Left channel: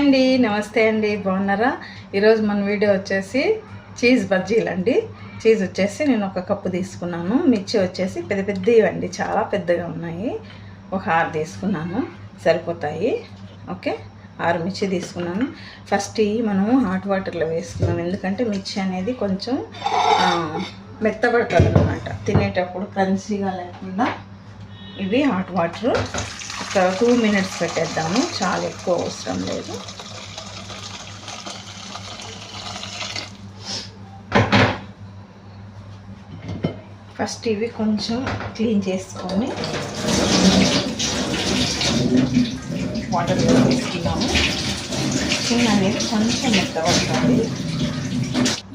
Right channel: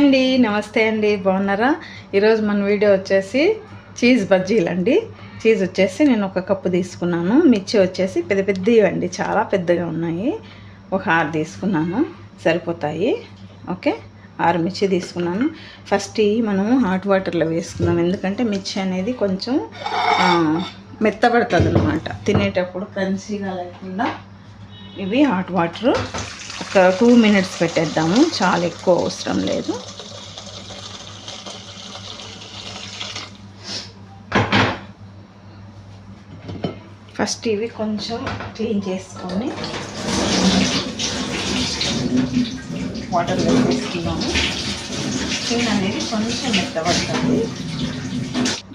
అండి నమస్తే అండి బాగున్నారా? ఈరోజు మన వీడియో వచ్చేసి చీజ్ బజ్జీలు అండి. చీజ్ వచ్చేసి నేను ఒక కప్పు తీసుకున్నాను. మిర్చి వచ్చేసి పెద్ద పెద్దవి అండి చాలా పెద్దగా ఉన్నాయి. ఒక ఆరు తీసుకున్నాను సరిపోతాయి. ఓకే ఆరు మిర్చి తీసుకున్నాను. ఫస్ట్ మనము హాట్ వాటర్లో వేసుకున్నాం ఎందుకంటే మిర్చి అనేది కొంచెం ఆ, మెత్తబడుతుంది అనమాట తినేటప్పుడు కన్సీగా లేకుండా ఇవి హాట్ వాటర్. ఒక టూ మినిట్స్ పెట్టేద్దాము. చాలా ఎక్కువ అవసరం లేదు. ఫస్ట్ ఇవి కొంచెం క్లీన్ చేసుకొని వాటర్ వేసుకున్నాము స్కిన్ అనేది కొంచెం మెత్తబడుతుంది.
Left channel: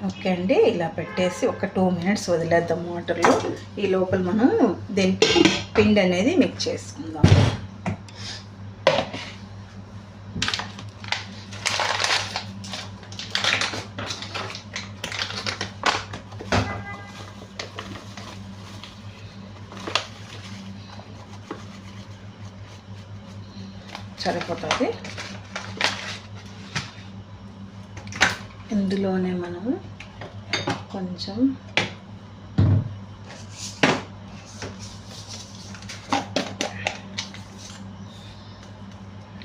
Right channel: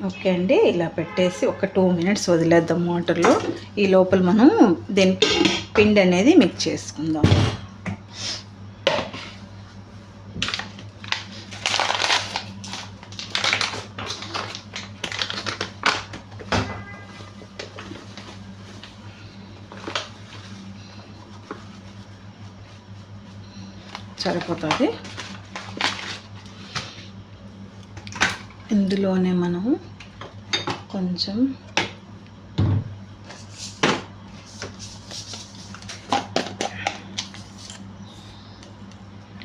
ఓకే అండి ఇలా పెట్టేసి ఒక టూ మినిట్స్ వదిలేద్దాం వాటర్లో. ఈ లోపల మనం దీనికి పిండి అనేది మిక్స్ చేసుకుందాం సరిపోతుంది. ఇందులోనే మనం కొంచెం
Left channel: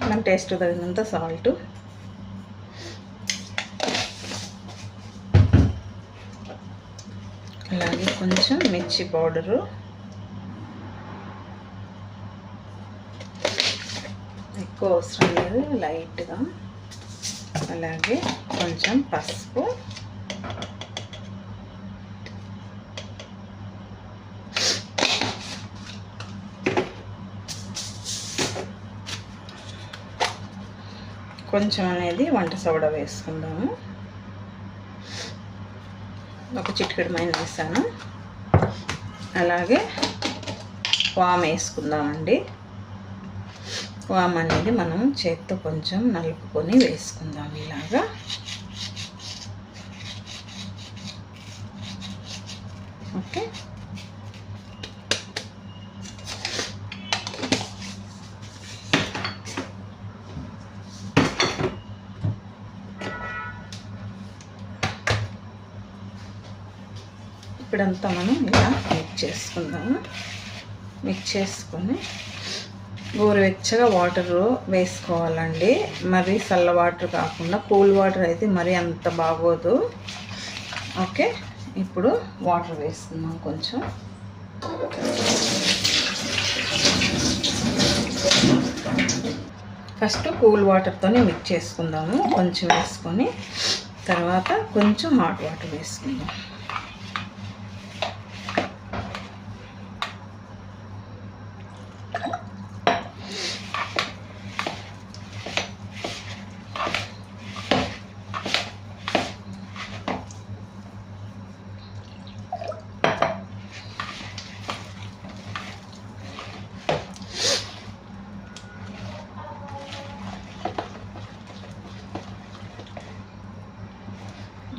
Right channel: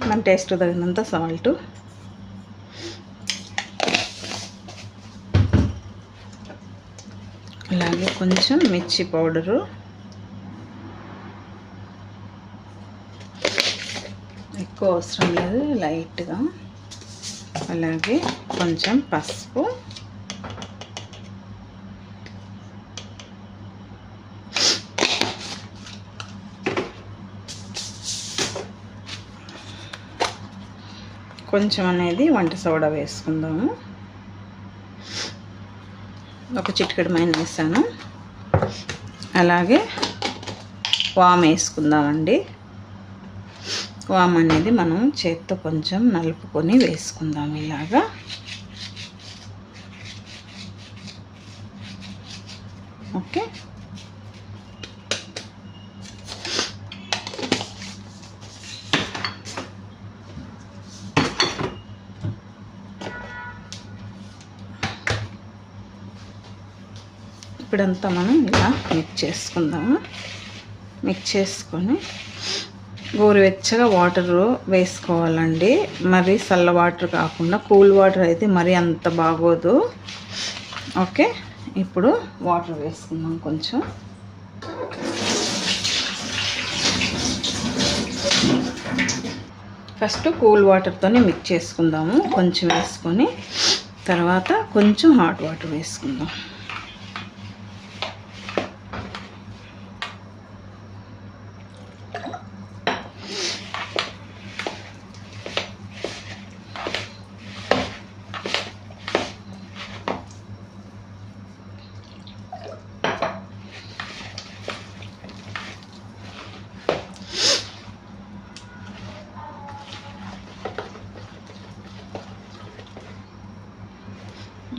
మన టేస్ట్ తగినంత సాల్ట్ అలాగే కొంచెం మిర్చి పౌడరు. ఎక్కువ అవసరం లేదు లైట్గా. అలాగే కొంచెం పసుపు. కొంచెం అనేది వంట సోడా వేసుకుందాము. ఒక చిటికెడు మైన వేసాను. అలాగే వామ్ వేసుకుందామండి. వామ్ అనేది మనం చేత్తో కొంచెం నలుపుకొని వేసుకుందాం ఇలాగా. ఓకే. ఇప్పుడంతా మనం ఇలా మిక్స్ చేసుకుందాము. మిక్స్ చేసుకొని గోరువెచ్చగా వాటర్ వేసుకోవాలండి. మరి చల్ల వాటర్ కాకుండా కూల్ వాటర్ అయితే మరీ అంత బాగోదు. ఓకే? ఇప్పుడు వాటర్ వేసుకుందాం కొంచెం. ఫస్ట్ కూల్ వాటర్తోనే మిక్స్ చేసుకుందాము. కొంచెం వేసుకొని తర్వాత కొంచెం హాట్ వాటర్ వేసుకుందాం.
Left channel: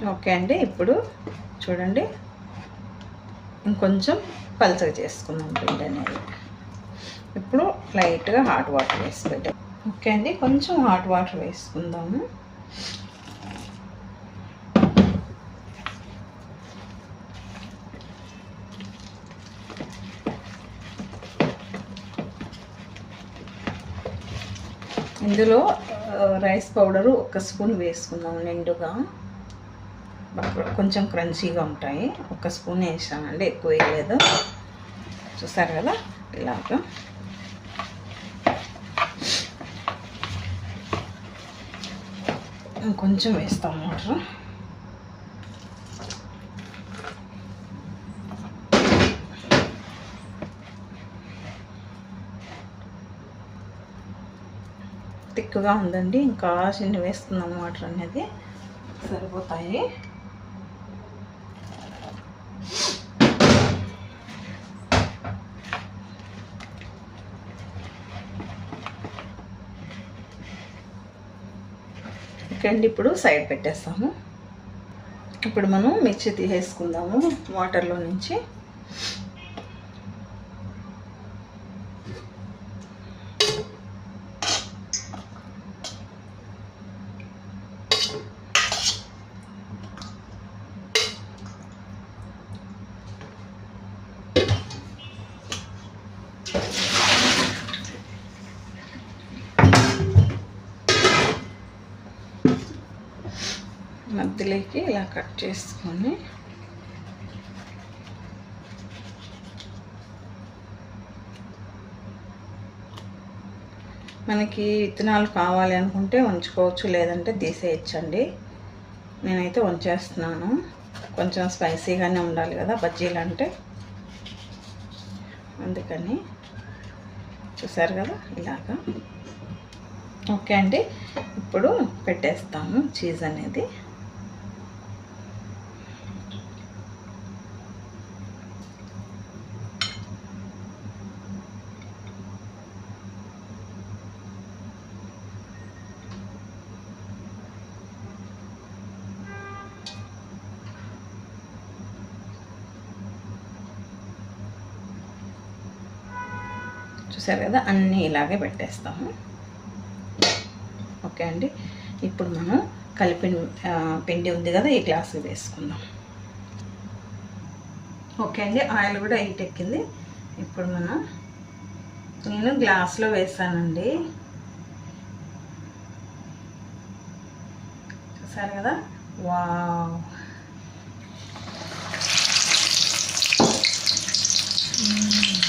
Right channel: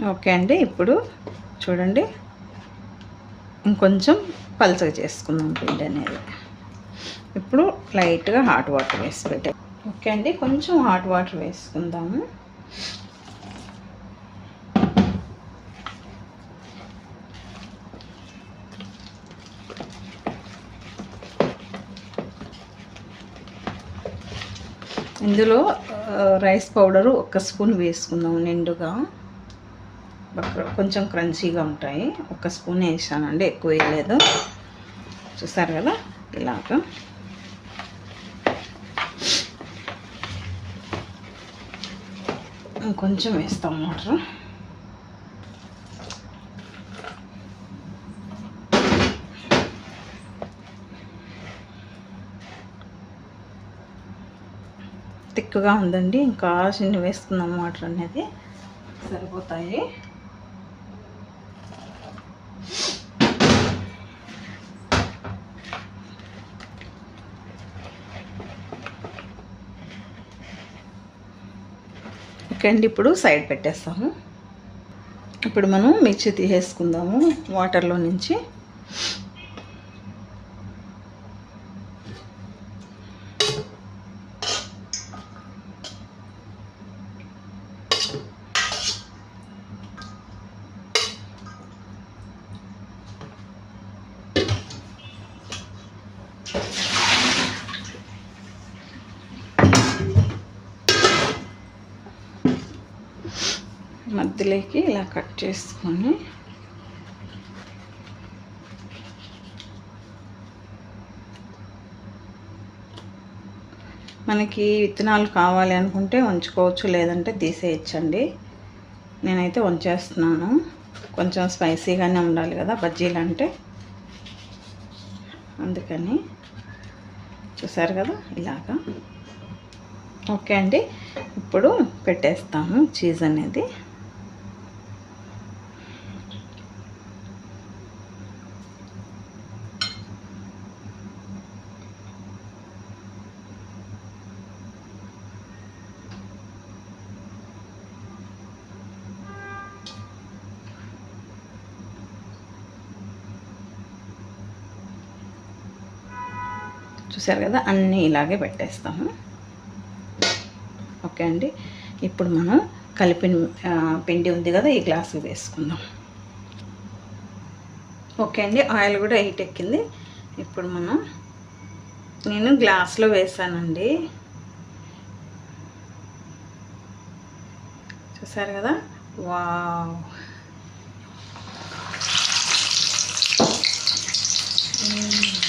ఓకే అండి ఇప్పుడు చూడండి. ఇంకొంచెం పలుచగా చేసుకుందాం పిండి అనేది. ఇప్పుడు లైట్గా హాట్ వాటర్ వేసి పెట్టాం ఓకే అండి కొంచెం హాట్ వాటర్ వేసుకుందాము. ఇందులో రైస్ పౌడరు ఒక స్పూన్ వేసుకుందాం నిండుగా. కొంచెం క్రంచీగా ఉంటాయి. ఒక స్పూన్ వేసానండి ఎక్కువ వేయలేదు. చూస్తారు కదా ఇలాగ కొంచెం వేస్తాం వాటర్. తిక్కుగా ఉందండి. ఇంకా చిన్న వేసుకుందాం వాటర్ అనేది. సరిపోతాయి. ఇక్కడ ఇప్పుడు సైడ్ పెట్టేస్తాము. ఇప్పుడు మనం మిర్చి తీసేసుకుందాము వాటర్లో నుంచి. మధ్యలోకి ఇలా కట్ చేసుకొని మనకి విత్తనాలు కావాలి అనుకుంటే ఉంచుకోవచ్చు లేదంటే తీసేయచ్చండి. నేనైతే ఉంచేస్తున్నాను. కొంచెం స్పైసీగానే ఉండాలి కదా బజ్జీలు అంటే. అందుకని చూసారు కదా ఇలాగా. ఓకే అండి. ఇప్పుడు పెట్టేస్తాము చీజ్ అనేది. చూసారు కదా అన్నీ ఇలాగే పెట్టేస్తాము. ఓకే అండి. ఇప్పుడు మనం కలిపిన పిండి ఉంది కదా ఈ గ్లాసు వేసుకుందాం. ఓకే అండి ఆయిల్ కూడా హీట్ ఎక్కింది. ఇప్పుడు మనం నేను గ్లాస్లో వేసానండి. చూసారు కదా? వావ్! ఇష్యూ